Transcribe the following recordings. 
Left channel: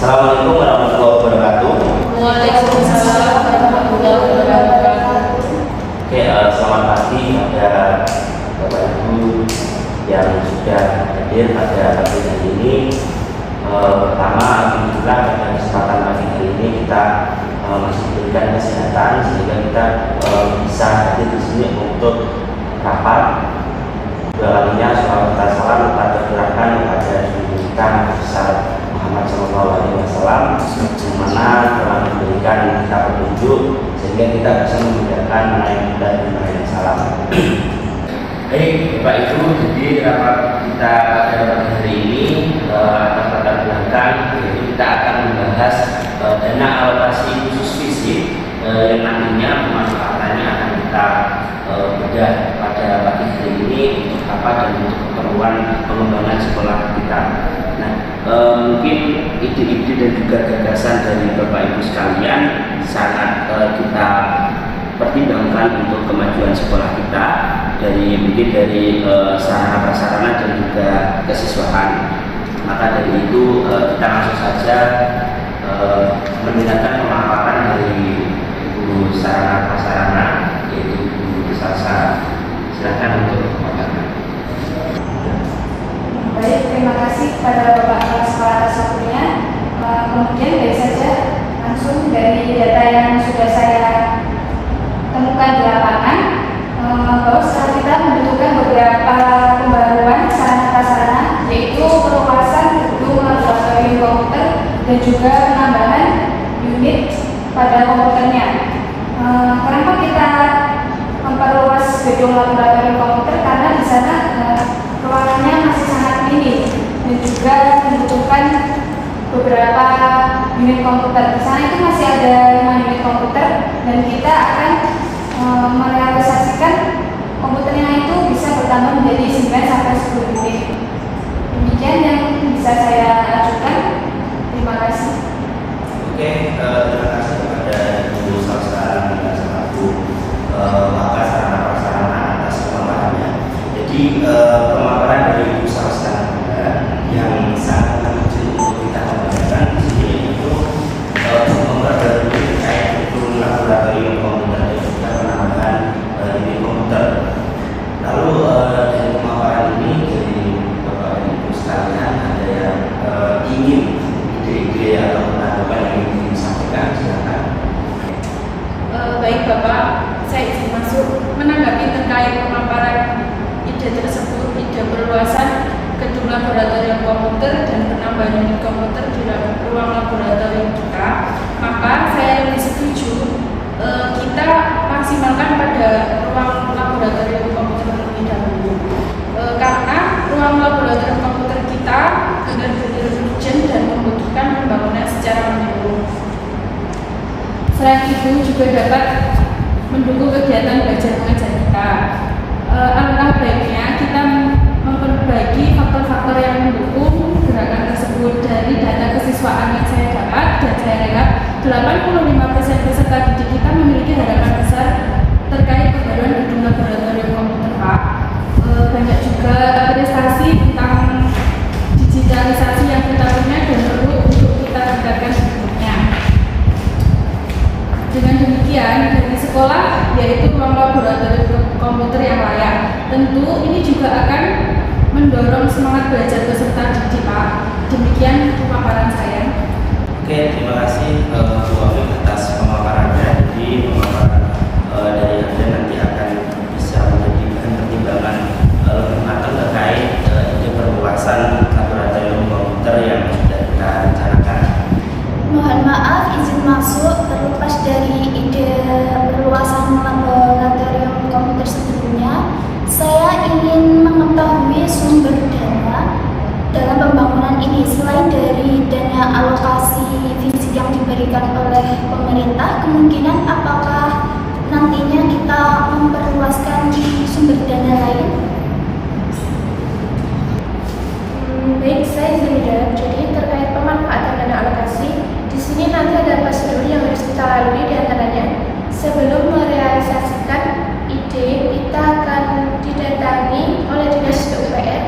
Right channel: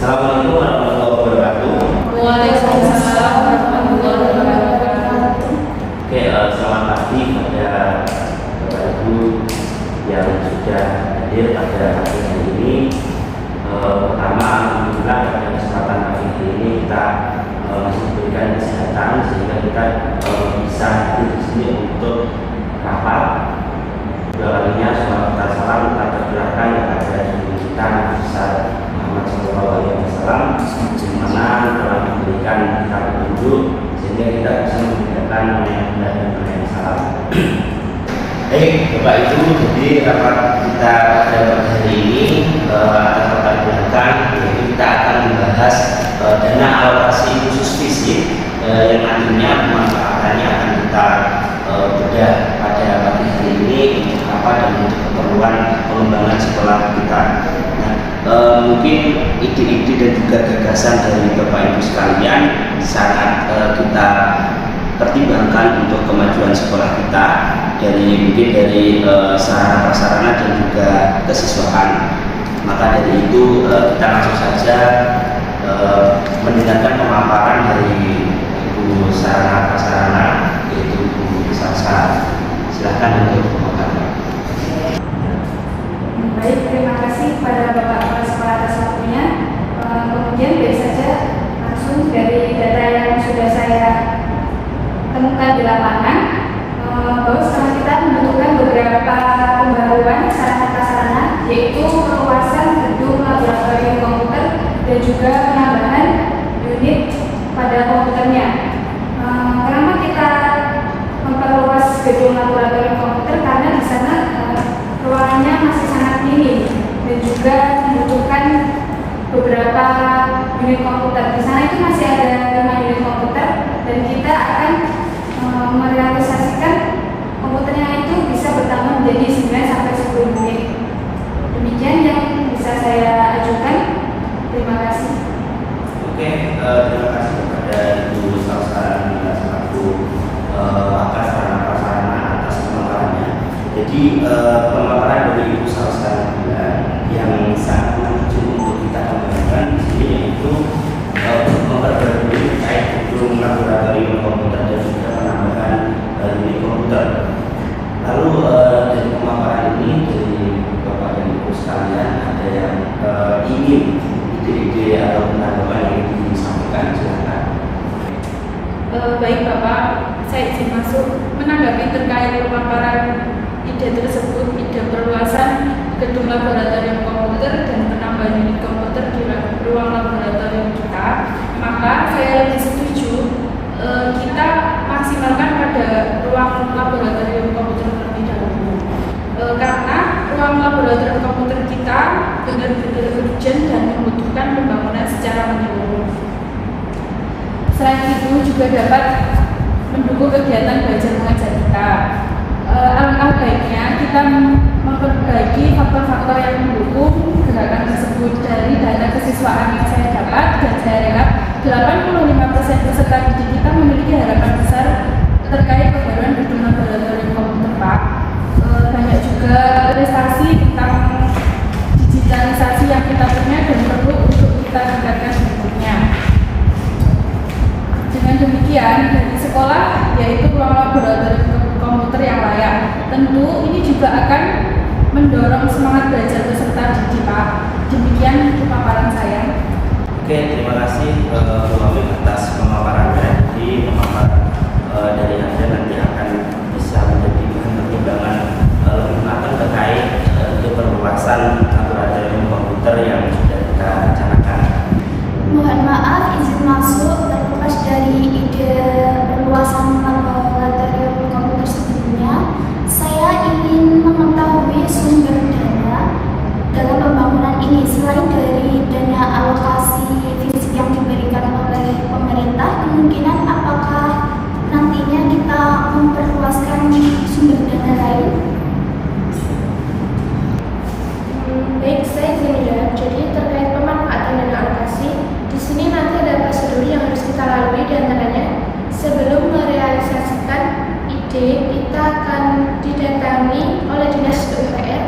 Assalamualaikum warahmatullahi wabarakatuh. Waalaikumsalam warahmatullahi wabarakatuh. Oke, selamat pagi pada Bapak Ibu yang sudah hadir pada pagi hari ini. Pertama, alhamdulillah pada kesempatan pagi hari ini kita masih diberikan kesehatan sehingga kita bisa hadir di sini untuk rapat. Kalinya sholat tasawuf kita perkirakan kepada diri kita besar Muhammad SAW, di mana telah memberikan kita petunjuk sehingga kita bisa menegakkan mengenai salam. Baik, Bapak Ibu, jadi rapat kita pada pagi hari ini atas latar belakang yaitu kita akan membahas dana alokasi khusus fisik yang nantinya pemanfaatannya akan kita bedah pada pagi hari ini untuk apa dan untuk keperluan pengembangan sekolah kita. Nah, mungkin ide-ide dan juga gagasan dari Bapak Ibu sekalian sangat kita pertimbangkan untuk kemajuan sekolah kita mungkin dari sarana prasarana dan juga kesiswaan. Maka dari itu kita langsung saja mendengarkan pemaparan dari Ibu sarana prasarana yaitu Bu Salsa. Silakan untuk pemaparan. Baik, terima kasih kepada Bapak Kepala Sekolah atas waktunya. Kemudian biar saja langsung dari data yang sudah saya temukan di lapangan, bahwa setelah kita membutuhkan beberapa pembaruan sarana prasarana, yaitu perluasan gedung laboratorium komputer dan juga penambahan unit pada komputernya. Kenapa kita memperluas gedung laboratorium komputer? Karena di sana ruangannya masih sangat minim dan juga membutuhkan beberapa unit komputer. Di sana itu masih ada 5 unit komputer dan kita akan merealisasikan komputernya itu bisa bertambah menjadi 9 sampai 10 unit. Demikian yang bisa saya ajukan. Terima kasih. Oke, terima kasih kepada Ibu Salsa selaku Wakil Sarana Prasarana atas pemaparannya. Jadi pemaparan dari Ibu Salsa yang sangat menunjukkan untuk kita kembangkan di sini yaitu memperbarui terkait gedung laboratorium komputer dan juga penambahan unit komputer. Lalu dari pemaparan ini dari Bapak dan Ibu sekalian ada yang ingin ide-ide atau penanggapan yang ingin disampaikan, silakan. Baik Bapak, saya izin masuk menanggapi terkait pemaparan ide tersebut, ide perluasan gedung laboratorium komputer dan penambahan unit komputer di ruang laboratorium kita. Maka saya lebih setuju kita maksimalkan pada ruang laboratorium komputer terlebih dahulu, karena ruang laboratorium komputer kita benar-benar urgent dan membutuhkan pembangunan secara menyeluruh. Selain itu juga dapat mendukung kegiatan belajar mengajar kita. alangkah baiknya kita memperbaiki faktor-faktor yang mendukung gerakan tersebut. Dari data kesiswaan yang saya dapat dan saya rekap, 85% peserta didik kita memiliki harapan besar terkait pembaruan gedung laboratorium komputer, Pak. Banyak juga prestasi tentang digitalisasi yang kita punya dan perlu untuk kita tingkatkan berikutnya. Dengan demikian, dari sekolah yaitu ruang laboratorium komputer yang layak. Tentu ini juga akan mendorong semangat belajar peserta didik, Pak. Demikian pemaparan saya. Oke, terima kasih Bu Afif atas pemaparannya. Jadi pemaparan dari Anda nanti akan bisa menjadi bahan pertimbangan lebih matang terkait ide perluasan laboratorium komputer yang sudah kita rencanakan. Mohon maaf, izin masuk. Terlepas dari ide perluasan laboratorium komputer sebelumnya, saya ingin mengetahui sumber dana dalam pembangunan ini. Selain dari dana alokasi fisik yang diberikan oleh pemerintah, kemungkinan apakah nantinya kita memperluaskan sumber dana lain? Baik, saya izin menjawab. Jadi terkait pemanfaatan dana alokasi, di sini nanti ada prosedur yang harus kita lalui, di antaranya sebelum merealisasikan ide, kita akan didatangi oleh Dinas PUPR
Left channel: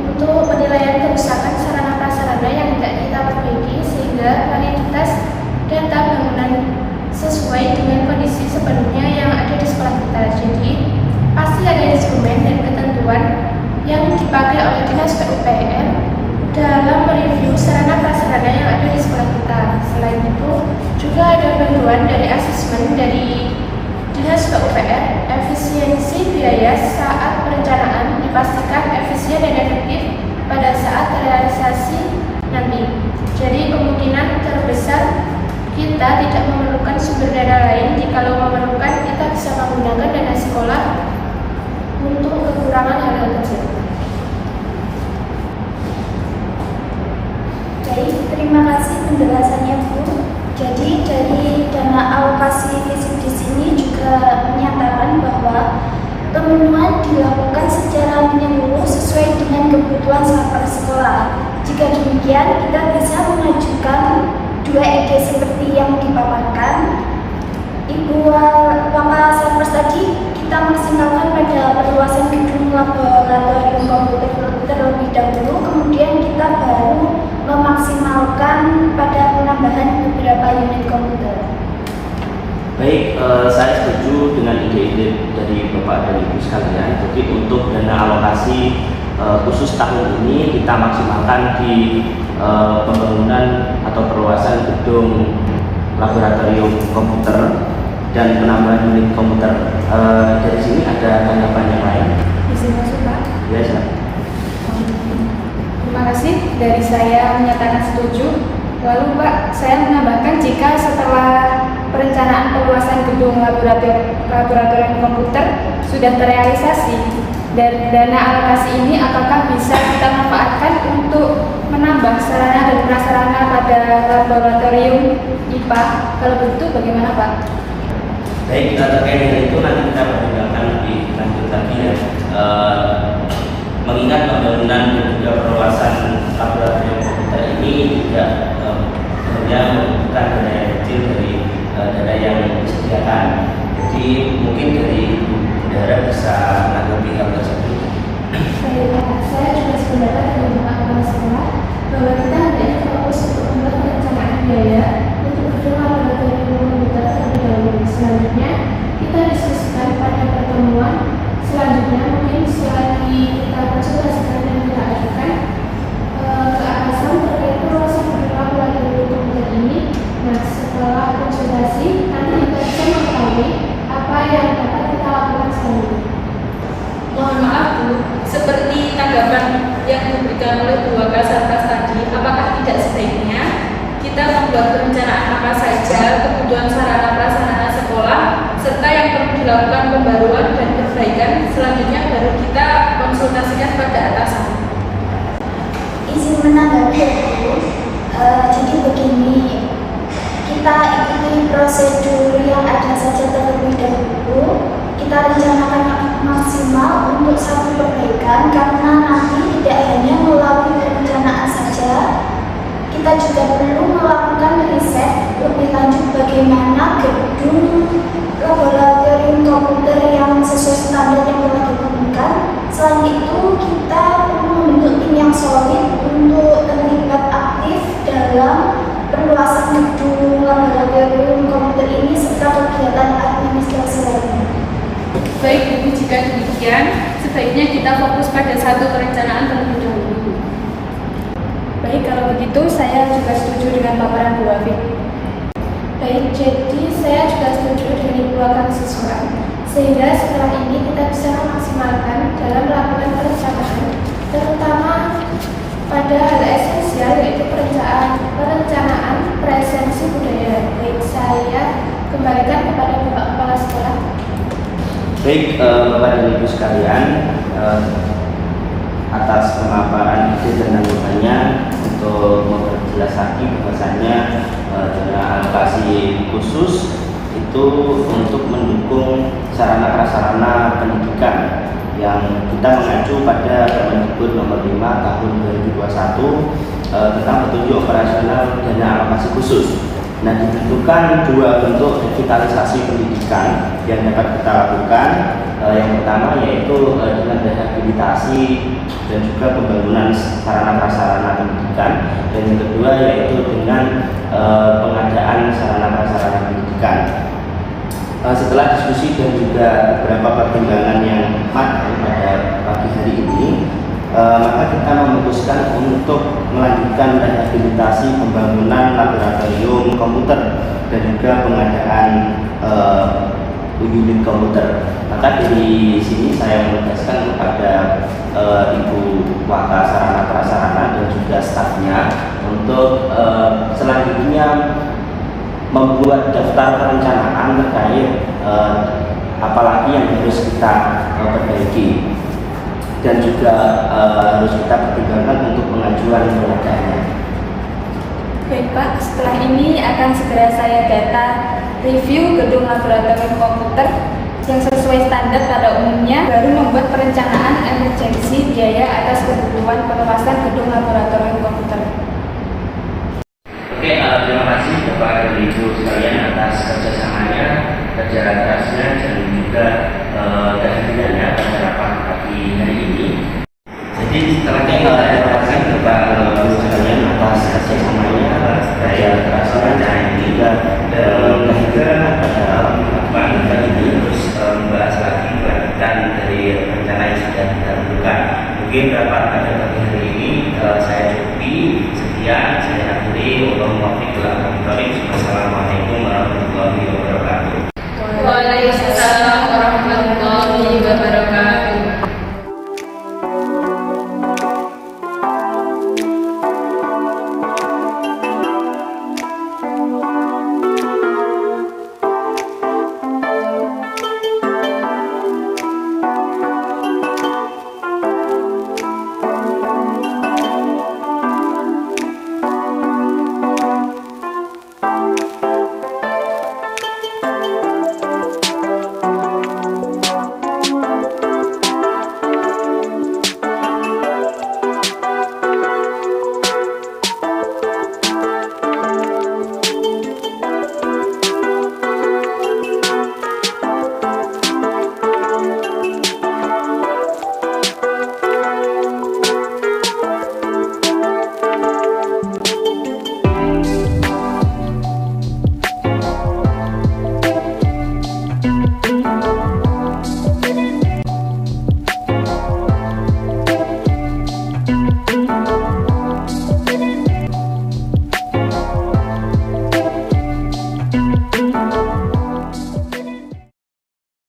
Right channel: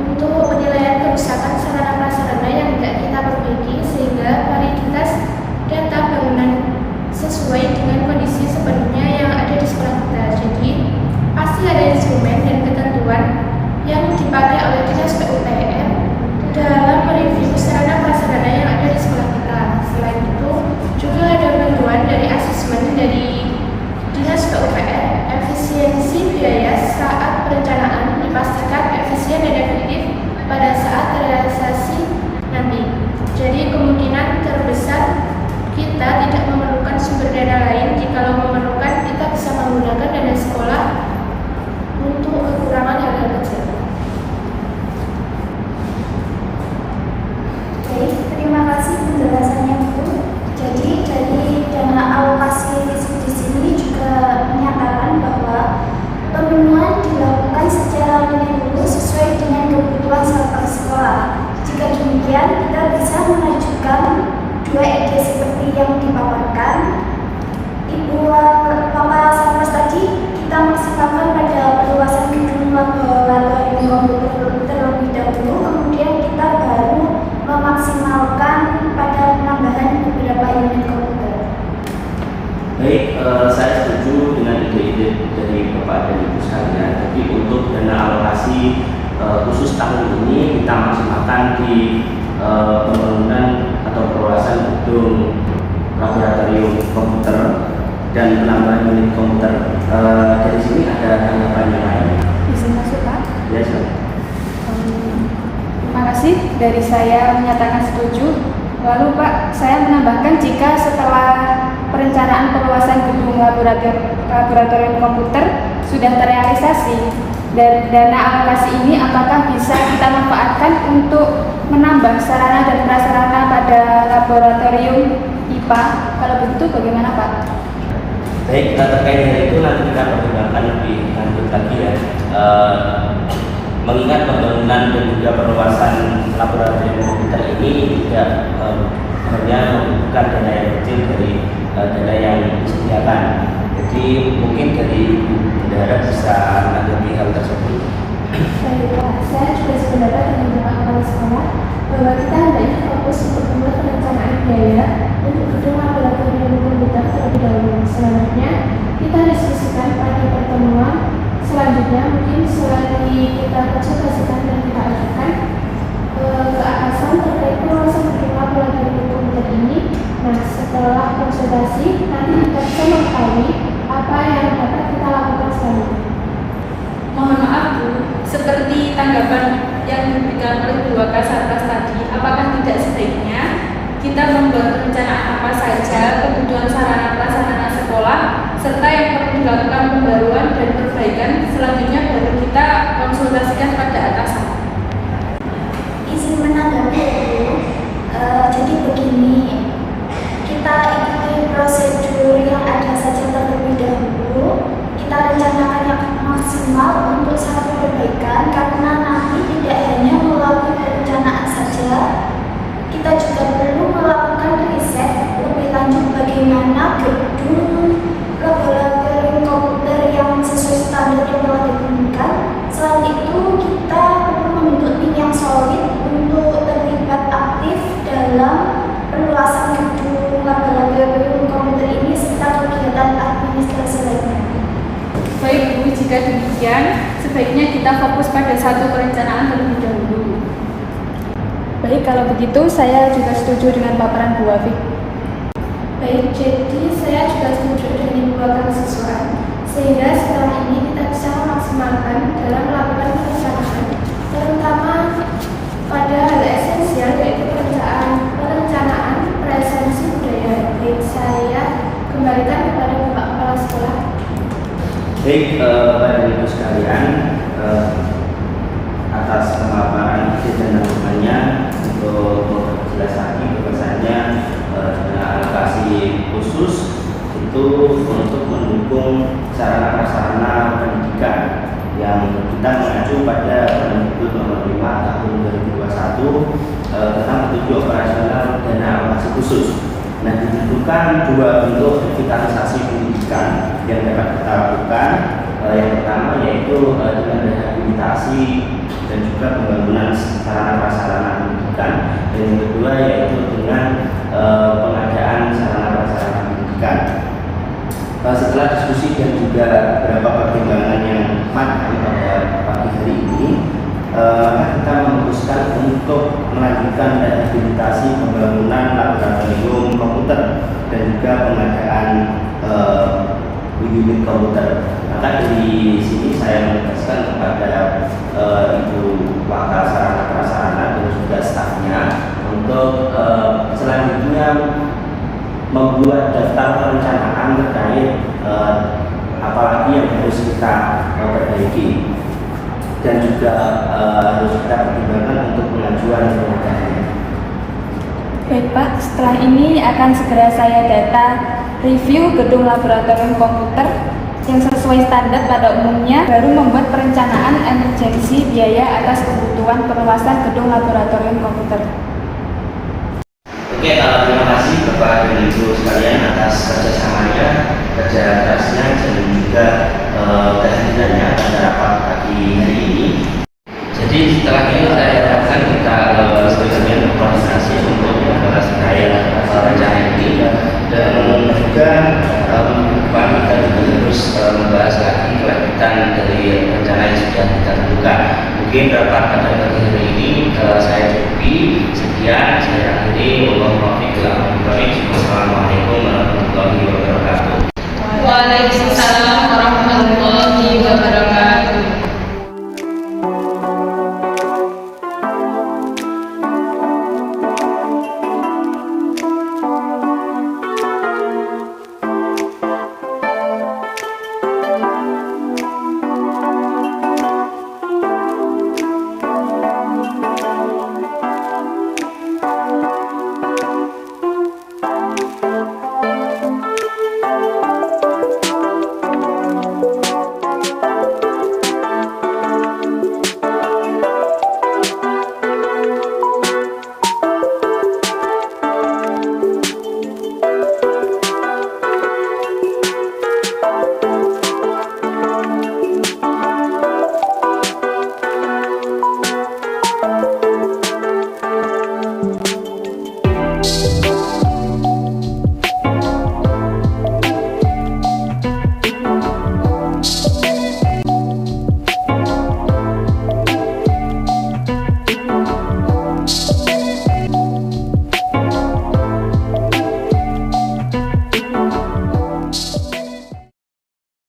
untuk penilaian kerusakan sarana prasarana yang tidak kita perbaiki sehingga validitas data bangunan sesuai dengan kondisi sebelumnya yang ada di sekolah kita. Jadi pasti ada instrumen dan ketentuan yang dipakai oleh Dinas PUPR dalam mereview sarana prasarana yang ada di sekolah kita. Selain itu juga ada bantuan dari asesmen dari Dinas PUPR efisiensi biaya saat perencanaan dipastikan efisien dan efektif pada saat realisasi nanti. Jadi kemungkinan terbesar kita tidak memerlukan sumber dana lain. Jikalau memerlukan, kita bisa menggunakan dana sekolah untuk kekurangan hal-hal kecil. Baik, terima kasih penjelasannya, Bu. Jadi dari dana alokasi fisik di sini juga menyatakan bahwa pemenuhan dilakukan secara menyeluruh sesuai dengan kebutuhan sampel sekolah. Jika demikian, kita bisa mengajukan dua ide seperti yang dipaparkan Ibu Bapak Sarmas tadi. Kita maksimalkan pada perluasan gedung laboratorium komputer terlebih dahulu, kemudian kita baru memaksimalkan pada penambahan beberapa unit komputer. Baik, saya setuju dengan ide-ide dari Bapak dan Ibu sekalian. Jadi untuk dana alokasi khusus tahun ini kita maksimalkan di pembangunan atau perluasan gedung laboratorium komputer dan penambahan unit komputer. Dari sini ada tanggapan yang lain? Izin masuk, Pak. Ya, silakan. Terima kasih. Dari saya menyatakan setuju. Lalu Pak, saya menambahkan jika setelah perencanaan perluasan gedung laboratorium komputer sudah terrealisasi, dan dana alokasi ini apakah bisa kita manfaatkan untuk menambah sarana dan prasarana pada laboratorium IPA? Kalau begitu bagaimana, Pak? Baik, terkait dengan itu nanti kita pertimbangkan lebih lanjut lagi ya. Mengingat pembangunan dan juga perluasan laboratorium komputer ini tidak hanya membutuhkan dana yang kecil dari dana yang disediakan. Jadi mungkin dari bendahara bisa menanggapi hal tersebut. Baiklah, saya juga sependapat dengan Bapak Kepala Sekolah bahwa kita hendaknya fokus untuk membuat perencanaan biaya untuk gedung laboratorium komputer terlebih dahulu. Selanjutnya, kita diskusikan pada pertemuan selanjutnya, mungkin selagi kita konsultasikan dan kita ajukan keakasan terkait perluasan gedung laboratorium komputer ini. Nah, setelah konsultasi, nanti kita bisa mengetahui apa yang dapat kita lakukan selanjutnya. Mohon maaf Bu, seperti tanggapan yang diberikan oleh dua Kasarnas tadi, apakah tidak sebaiknya kita membuat perencanaan apa saja kebutuhan sarana prasarana sekolah serta yang perlu dilakukan pembaruan dan perbaikan, selanjutnya baru kita konsultasikan pada atasan. Izin menanggapi dulu. Jadi begini, kita ikuti prosedur yang ada saja terlebih dahulu. kita rencanakan yang maksimal untuk satu perbaikan, karena nanti tidak hanya melalui perencanaan saja, kita juga perlu melakukan riset lebih lanjut bagaimana gedung laboratorium komputer yang sesuai standar yang telah ditentukan. Selain itu, kita perlu membentuk tim yang solid untuk terlibat aktif dalam perluasan gedung laboratorium komputer ini serta kegiatan administrasi lainnya. Baik Bu, jika demikian, sebaiknya kita fokus pada satu perencanaan terlebih dahulu. Baik, kalau begitu saya juga setuju dengan paparan Bu Afif. Baik, jadi saya juga setuju dengan Ibu Wakil Siswa, sehingga setelah ini kita bisa memaksimalkan dalam melakukan perencanaan, terutama pada hal esensial yaitu perencanaan presensi budaya. Baik, saya kembalikan kepada Bapak Kepala Sekolah. Baik, Bapak dan Ibu sekalian, atas pemaparan ide dan tanggapannya untuk memperjelas lagi bahwasanya dana alokasi khusus itu untuk mendukung sarana prasarana pendidikan yang kita mengacu pada Permendikbud nomor 5 tahun 2021 tentang petunjuk operasional dana alokasi khusus. Nah, ditentukan dua bentuk revitalisasi pendidikan yang dapat kita lakukan. Yang pertama yaitu dengan rehabilitasi dan juga pembangunan sarana prasarana pendidikan, dan yang kedua yaitu dengan pengadaan sarana prasarana pendidikan. Setelah diskusi dan juga beberapa pertimbangan yang matang pada pagi hari ini, maka kita memutuskan untuk melanjutkan rehabilitasi pembangunan laboratorium komputer dan juga pengadaan unit komputer. Maka dari sini saya menugaskan kepada Ibu Wakil Sarana Prasarana dan juga stafnya untuk selanjutnya membuat daftar perencanaan terkait apalagi yang harus kita perbaiki dan juga harus kita pertimbangkan untuk pengajuan pengadaannya. Baik Pak, setelah ini akan segera saya data review gedung laboratorium komputer yang sesuai standar pada umumnya, baru membuat perencanaan emergensi biaya atas kebutuhan perluasan gedung laboratorium komputer. Oke, terima kasih Bapak dan Ibu sekalian atas kerjasamanya, kerja kerasnya, dan juga kehadirannya pada rapat pagi hari ini. Jadi setelah ini saya harapkan kita sekalian memfasilitasi untuk membahas terkait rencana ini, dan juga Pak kita juga harus membahas lagi kelanjutan dari rencana yang sudah kita tentukan. Mungkin rapat pada pagi hari ini saya cukupi sekian, saya akhiri. Wassalamualaikum warahmatullahi wabarakatuh.